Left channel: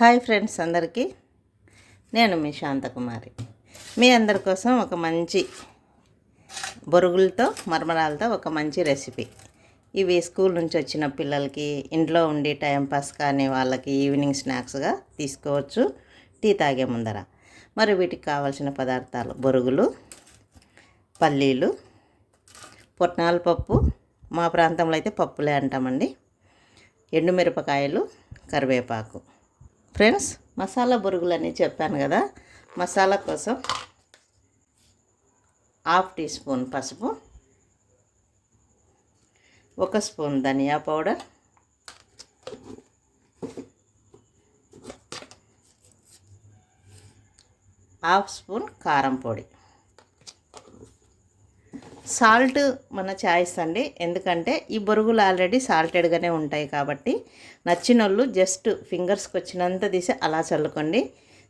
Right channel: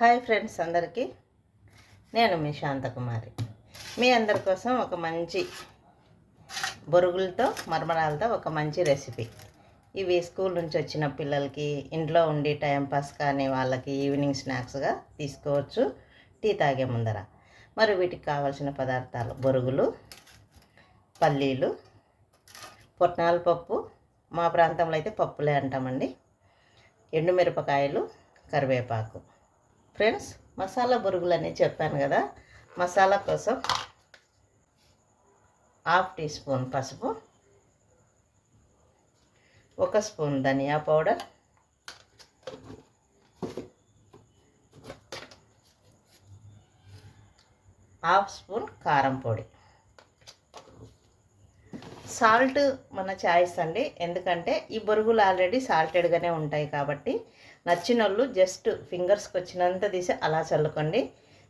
Hi friends అందరికీ, నేను మీ శాంతకుమారి. మీ అందరి కోసం ఒక మంచి బొరుగులతో మరమరాలతో ఒక మంచి రెసిపీ. ఇవి స్కూల్ నుంచి వచ్చిన పిల్లలకి, ఇంట్లో ఉండి టైంపాస్ కానీ వాళ్ళకి ఈవినింగ్ స్నాక్స్గా తీసుకోవచ్చు టీ తాగే ముందర. మరి వీటికి కావాల్సిన పదార్థాలు: బొరుగులు, పల్లీలు, పుట్నాల పప్పు, మా ప్రాంతంలో అయితే పప్పులే అంటామండి, ఎండుమిరపకాయలు, కరివేపాకు. ఫ్రెండ్స్, మసాలా బొరుగులని చెప్పాను కదా. మసాలా కోసం 1/2 టీ స్పూన్ పసుపు, 1 స్పూన్ ధనియా పౌడర్, 1/2 స్పూన్ కారం పొడి, సాల్ట్ మన చాయిస్ అండి. ఎందుకంటే ఈ బొరుగులు ఆల్రెడీ సాల్టెడ్గానే ఉంటాయి కాబట్టి నచ్చిన వాళ్ళు జస్ట్ ఫింగర్స్కి వచ్చినంత తీసి అలా చల్లుకోండి.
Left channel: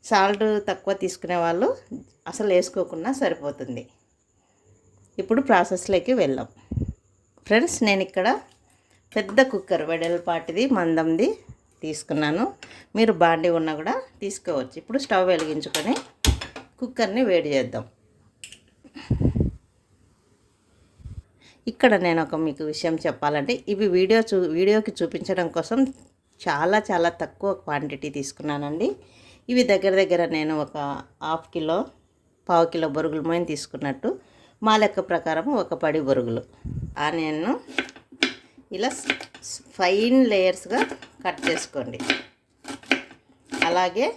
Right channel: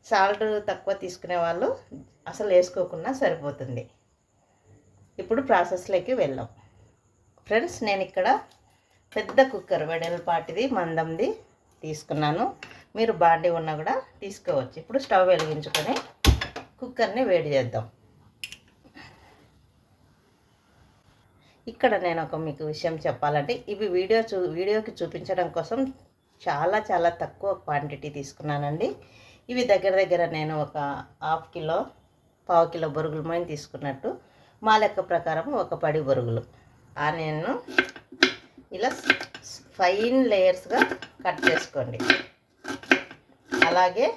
సాల్ట్ తక్కువ తీసుకునే వాళ్ళు అసలు వేసుకోకుండా సరిపోతుంది. ఇప్పుడు ప్రాసెస్లోకి వెళ్దాం. ఫ్రెండ్స్, నేను ఇక్కడ పెద్ద కుక్కర్ వెడల్పాటిది మందంది తీసుకున్నాను. మీరు బాండి ఉన్నా కూడా తీసుకోవచ్చు. ఇప్పుడు స్టవ్ వెలిగించుకొని కుక్కర్ని వేడి చేద్దాం. ఇక్కడ నేను మీకు విషయం చెప్పాలంటే, ఇవి వీడియోకి చూపించడం కోసం చాలా తక్కువ క్వాంటిటీ తీసుకున్నానండి. ఇవి దగ్గర నేను ఒక 1/2 కిలో, 1/4 కిలో బొరుగులు మోయిన తీసుకున్నట్టు. మా లెక్క ప్రకారం ఒక పడి బొరుగులు. ఆనియన్ను ఇలా ఫైన్ లేయర్స్గా కట్ చేసుకోండి. అలాగే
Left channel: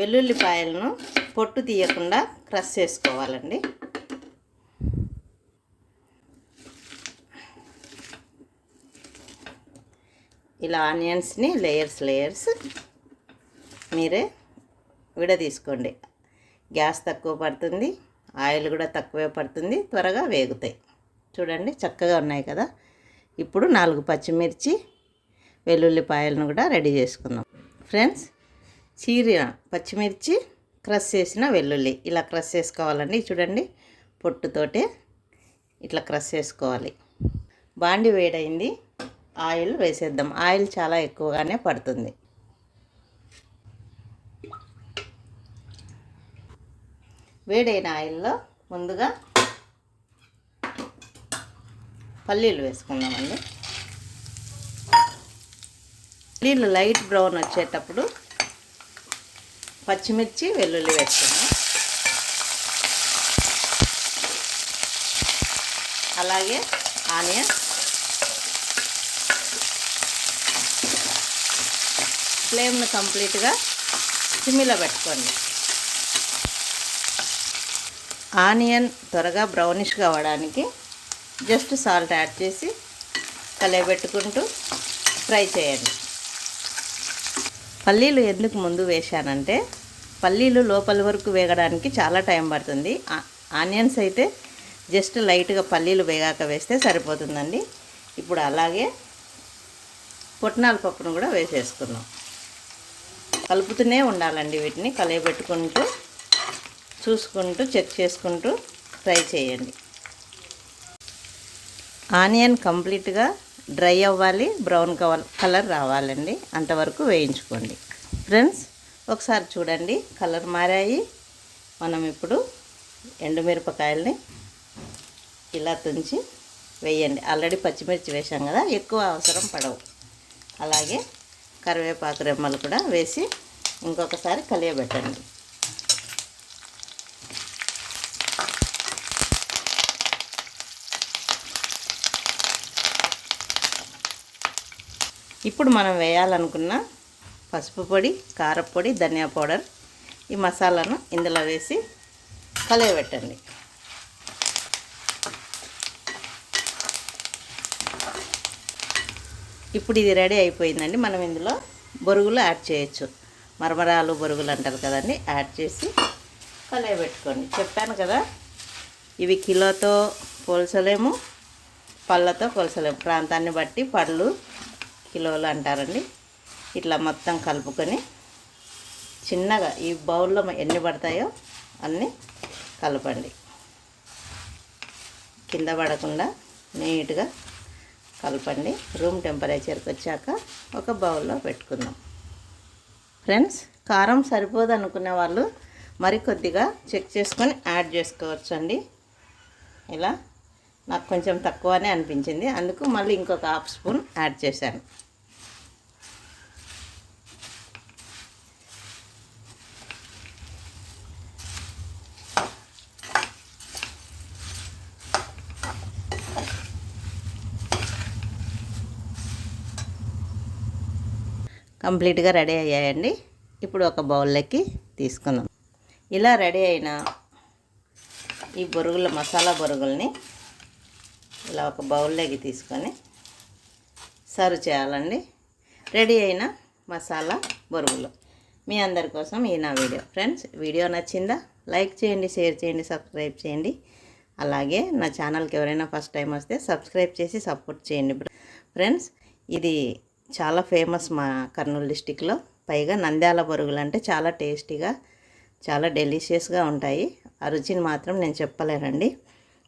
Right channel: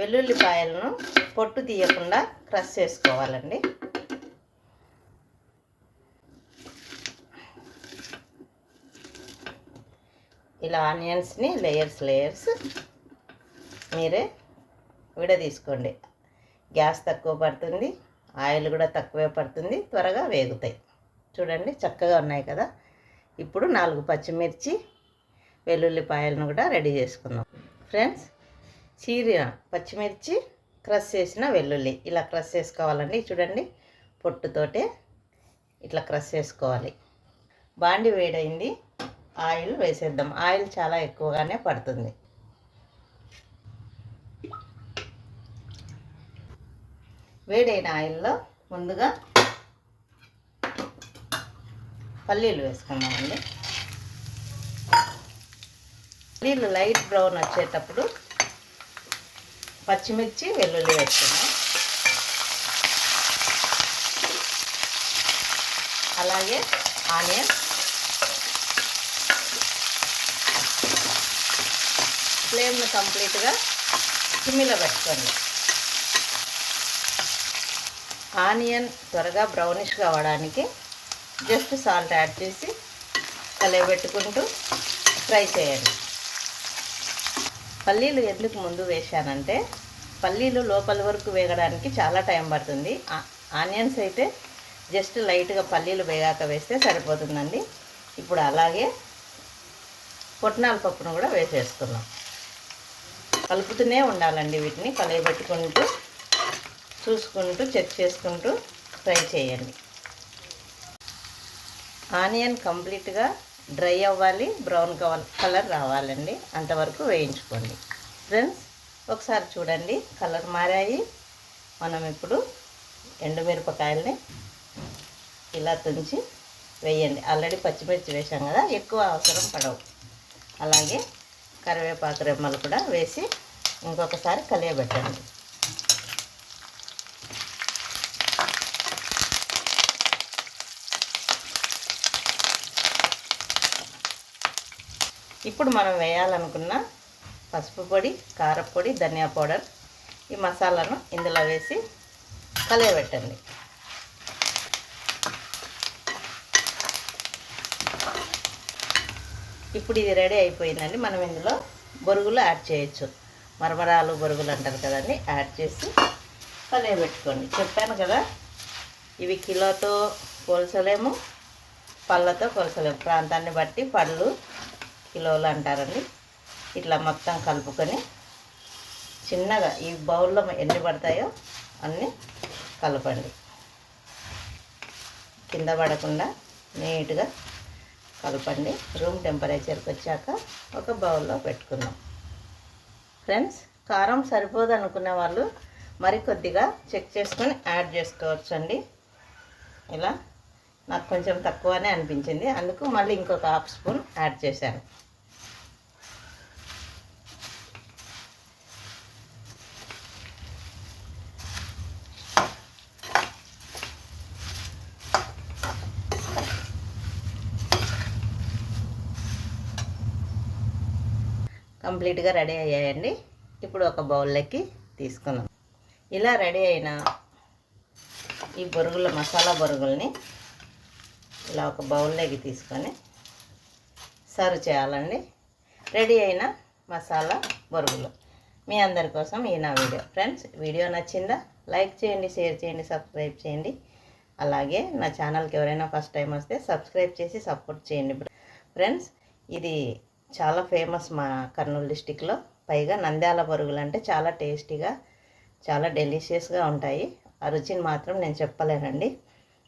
వెల్లుల్లిపాయలను పొట్టు తీయకుండా క్రష్ చేసుకోవాలండి. ఇలా ఆనియన్స్ని లేయర్స్ మీరే విడదీసుకోండి. గ్యాస్ తక్కువ పడుతుంది, ఆయిల్ కూడా తక్కువే పడుతుంది, త్వరగా వేగుతాయి. చూడండి, చక్కగా ఉన్నాయి కదా. ఇప్పుడు 4 పచ్చిమిర్చి, వెల్లుల్లిపాయలను కూడా రెడీ చేసుకుందాం. ఫ్రెండ్స్, చీరిన పచ్చిమిర్చి, క్రష్ చేసిన వెల్లుల్లి ఇలా క్రష్ చేసుకోవాలండి. చూడండి, పొట్టుతోటే ఇట్లా క్రష్ చేసుకోవాలి. బాండి వేడైంది, ఆయిల్ వేసేద్దాం. ఆయిల్ చాలా ఎక్కువగానే పడుతుంది. వేడైన ఆయిల్లో ముందుగా పల్లీలు వేసుకుందామండి. పల్లీలు లైట్ బ్రౌన్ వచ్చేటప్పుడు పచ్చిమిర్చి, వెల్లుల్లి వేసుకుందాం. అలాగే ఆనియన్, ఫ్లేమ్ను కంప్లీట్గా సిమ్లో పెట్టుకోండి. ఆనియన్ త్వరగా బ్రౌనిష్గా అవ్వడానికి జస్ట్ సాల్ట్ యాడ్ చేసి కలయబెట్టుకుంటూ ఫ్రై చేయండి. పల్లీలు ఎందుకు ముందు వేశానంటే, పల్లీలు లోపల వరకు వేగడానికి చాలా టైం పడుతుంది. ఆనియన్స్ అయితే జస్ట్ లైట్గా పల్లీలు వేగాక వేస్తే సరిపోతుందండి. ఇప్పుడు అలాగే పుట్నాల పప్పును కూడా వేసేసుకుందాం. కలుపుతూనే ఉండాలండి. వీటిని కలయబెట్టుకుంటూ, చూసుకుంటూ, చెక్ చేసుకుంటూ ఫ్రై చేయండి. ఆనియన్ కంప్లీట్గా డ్రై అవ్వాలి, బ్రౌన్ కలర్ రావాలండి. అంతవరకు వేయించుకోండి. ఫ్రెండ్స్, ఒకసారి చూడండి, కలర్ మారాయి. మనం ఇప్పుడు ఎండుమిరపకాయలని ఇలా తుంచి వేయండి. ఆల్రెడీ పచ్చిమిర్చి వేసాం కదా, ఎక్కువ అవసరం పడవు. అలాగే కరివేపాకు రెమ్మలు కూడా వేసి ఇంకొకసారి కలియబెట్టండి. ఇప్పుడు మనం వేయాలనుకున్న పసుపు పొడి, కారపొడి, ధనియా పౌడర్, ఈ మసాలాను ఇందులో వేసి కలియబెట్టండి. ఇప్పుడు ఇది రెడీ అయిపోయిందండి. మనం ఇందులో బొరుగులు యాడ్ చేయొచ్చు. మరమరాలు, బొరుగులు అంటారు కదండి, యాడ్ చేసి కలియబెట్టుకోండి. చెప్పాను కదా, ఇవి కిలోతో పోల్చలేము, పళ్ళతో పోల్చలేము. ప్రాంతాన్ని బట్టి పళ్ళు కిలోలు అంటారండి. ఇట్లా మొత్తం కలుపుకొని చిన్నగా ఈ బౌల్లో ఎన్ని పడతాయో అన్నీ కలపండి. కింద పడకుండా నీట్గా కలపండి. రూమ్ టెంపరేచర్కి వచ్చాక ఒక బౌల్లో పెట్టుకుందాం. ఫ్రెండ్స్, కారం సరిపోదు అనుకునే వాళ్ళు మరి కొద్దిగా చెక్ చేసుకొని యాడ్ చేసుకోవచ్చు అండి. ఇలా నాకు కొంచెం తక్కువనే అనిపించింది, అందుకు మళ్ళీ ఇంకొక హాఫ్ స్పూన్ యాడ్ చేశాను. కంప్లీట్గా రెడీ అయ్యాయండి. ఇప్పుడు ఒక బౌల్లోకి తీసుకున్నాం. ఇలా రెడీ అయిన ఈ మసాలా బొరుగుల్ని ఇలా ఒక బౌల్లోకి తీసుకొని సర్వ్ చేయాలండి. రెడీ అయిన మసాలా బొరుగులు మీ అందరి కోసం ఈ నా వీడియో. ఫ్రెండ్స్, వీడియో నచ్చిందా? లైక్ చేయండి, షేర్ చేయండి, సబ్స్క్రైబ్ చేయండి. అలాగే నా ఛానల్కి ఎవరైనా ఫస్ట్ టైం వస్తే సబ్స్క్రైబ్ చేసి సపోర్ట్ చేయండి. ఫ్రెండ్స్, ఇది చాలా ఫేమస్ మా కర్నూలు డిస్టిక్లో. పైగా నంద్యాల బొరుగులు అంటే చాలా టేస్టీగా, చాలా డెలిషియస్గా ఉంటాయి. ఆ రుచిని మాత్రం నేను చెప్పలేనండి.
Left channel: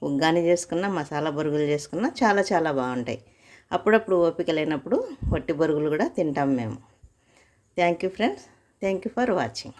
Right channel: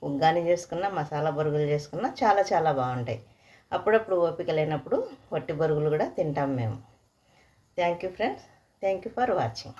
ఉగ్గాని చేసుకున్న, మసాలా బొరుగులు చేసుకున్న చాలా చాలా బాగుంటాయి. అప్పుడప్పుడు ఓపిక లేనప్పుడు వట్టి బొరుగులు కూడా తింటాం మేము. Thank you friends, thank you for watching.